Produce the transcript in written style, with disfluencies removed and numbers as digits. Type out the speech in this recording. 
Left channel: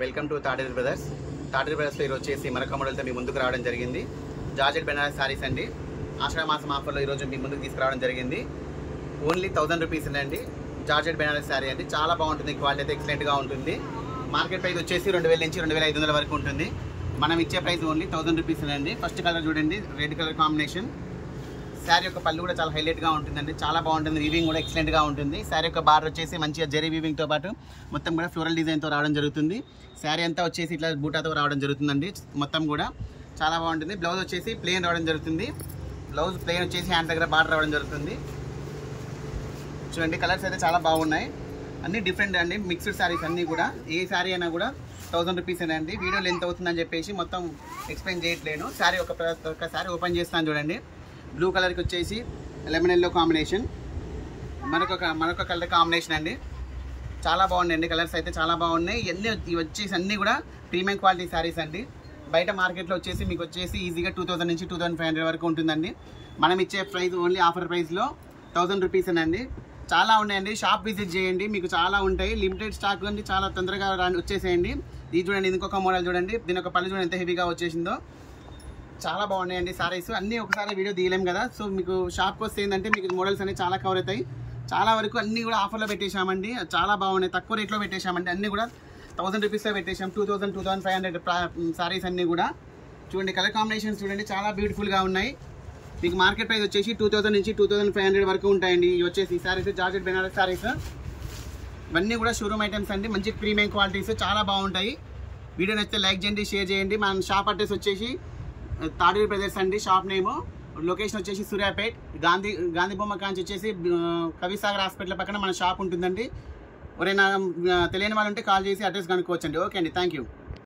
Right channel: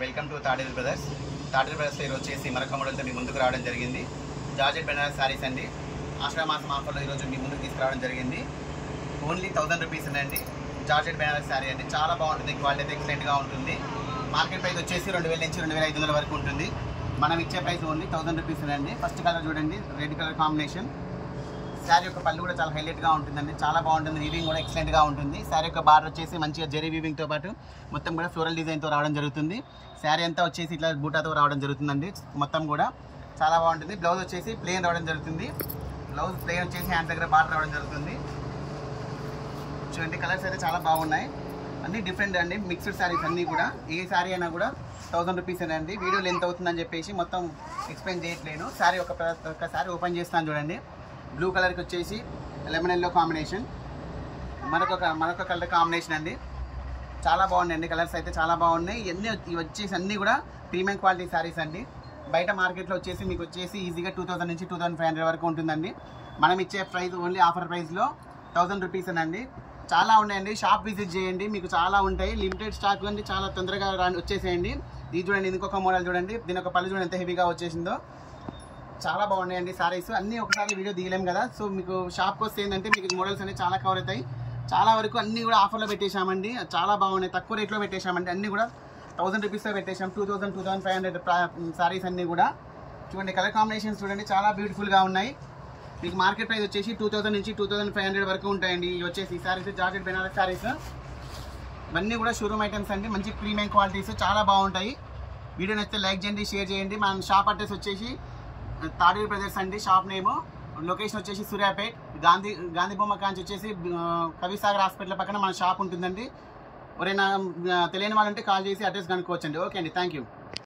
Welcome to Taderu Brothers. Taderu బ్రదర్స్లో ఈరోజు వచ్చేసి మరొక మోడల్తో మీ ముందుకు రావడం జరిగింది. జార్జెట్ బెనారస్ శారీస్ అండి. ఆషాఢ మాసం ఆఫర్లో ఈరోజు మీ ముందుకు తీసుకురావడం జరిగింది. ఓన్లీ 1000 రూపీస్ అండి. జార్జెట్ బెనారస్ శారీ అండి, చాలా బాగుంటుంది. క్వాలిటీ అయితే ఎక్సలెంట్గా ఉంటుంది. మార్కెట్ ప్రైస్ వచ్చేసి 2000 నుంచి 2500 వరకు ఉంటుంది. మనం ఇచ్చే ప్రైస్ ఓన్లీ 1000 రూపీస్ అండి. ఫస్ట్ కలర్ చూడండి, రెడ్ కలర్ కాంబినేషన్. శారీ యొక్క పళ్ళు కూడా చాలా హైలైట్గా ఉంటుందండి, చాలా బాగుంటుంది. వీవింగ్ కూడా ఎక్సలెంట్గా ఉంటుంది. శారీ యొక్క బార్డర్ వచ్చేసి మంచిగా జరీ వీవింగ్తో పాటు మొత్తం కూడా ఫ్లోరల్ డిజైన్తో రావడం జరుగుతుంది. శారీ అంతా వచ్చేసి ఇట్లా బూటాతో రావడం జరుగుతుందండి. మొత్తం కూడా చాలా బాగుంటుంది. బ్లౌజ్ వచ్చేసి ప్లెయిన్ రావడం జరుగుతుంది. బ్లౌజ్ ప్లెయిన్ వచ్చేసి హ్యాండ్స్ దగ్గర బార్డర్ రావడం జరుగుతుంది. చూడండి, కలర్స్ అయితే చాలా బాగున్నాయి. అన్ని డిఫరెంట్ అండి, మిక్స్డ్ శారీస్ అన్నీ కూడా. ఏ శారీ అయినా కూడా 1000 రూపీస్ అండి. వీడియో లెంత్ అవుతుందని చెప్పేసి మొత్తం ఎక్స్ప్లెయిన్ చేయట్లేను. శారీ ఒక శారీ ఓపెన్ చేస్తాను చూడండి. బ్లూ కలర్కి వచ్చేసి లెమన్ ఎల్లో కాంబినేషన్, మరొక కలర్ కాంబినేషన్ అండి. చాలా బాగున్నాయండి, కలర్స్ అయితే చాలా బాగున్నాయి. ఇవి వచ్చేసి అన్నీ కూడా ప్రీమియం క్వాలిటీ శారీస్ అండి. బయట మార్కెట్లో వచ్చేసి మీకు వచ్చేసి ఈజీగా 2000 నుంచి 2500 వరకు ఉంటుందండి. మనం ఇచ్చే ప్రైస్ ఓన్లీ ఆఫర్ ప్రైస్లో 1000 రూపీస్ అండి. చాలా ఉన్నాయండి, షాప్ విజిట్ చేయండి, మీకు చాలా ఉంటాయి. లిమిటెడ్ స్టాక్ అండి, చాలా తొందరగా వచ్చేసేయండి. ఇది చూడండి, ఇంకొక మోడల్ చూడండి. దీని ఒక పళ్ళు చూడండి ఎంత హెవీగా వచ్చేసిందో. చాలా బాగున్నాయండి సారీస్. అన్నీ ఒకసారి వీడియో తీయలేం కదా, సో మీకు షాప్కి వస్తే ఏంటంటే మీకు మోడల్స్ అన్ని చాలా కవర్ అవుతాయి. చాలా వరకు అన్నీ కూడా ఆఫర్లో పెట్టేశామండి, చాలా బాగున్నాయి. తక్కువ రేట్లో పెట్టేశామండి. అన్నీ కూడా 1000 రూపీస్లో పెట్టేశాం. 2000, 2500 సారీస్ అన్నీ కూడా. చూడండి, కలర్ కాంబినేషన్స్ చూడండి, చాలా బ్యూటిఫుల్గా ఉన్నాయి. మీకు మార్కెట్ ప్రైస్ వచ్చేసి 2000 నుంచి 2500 వరకు ఉంటాయండి. ఇవి వచ్చేసి సారీస్ జార్జెట్ బెనారస్ సారీస్. ఇవన్నీ కూడా షోరూమ్ ఐటమ్స్ అండి, మంచి ప్రీమియం క్వాలిటీస్, చాలా బాగుంటాయి. వీడియో నచ్చితే లైక్ చేయండి, షేర్ చేయండి. మన షాప్ అడ్రస్ వచ్చేసి తాడేరు బ్రదర్స్ అండి. షాప్ నేమ్, లొకేషన్ వచ్చేసి సూర్యాపేట్, గాంధీ బొమ్మ కాంచి వచ్చేసి కవిసాగర్ హాస్పిటల్ పక్కన మన షాప్ ఉంటుందండి. ఎవరైనా తెలియని వాళ్ళు ఉంటే కాల్ చేసి అడ్రస్ కనుక్కోవచ్చండి. ఓకే అండి, థ్యాంక్ యూ.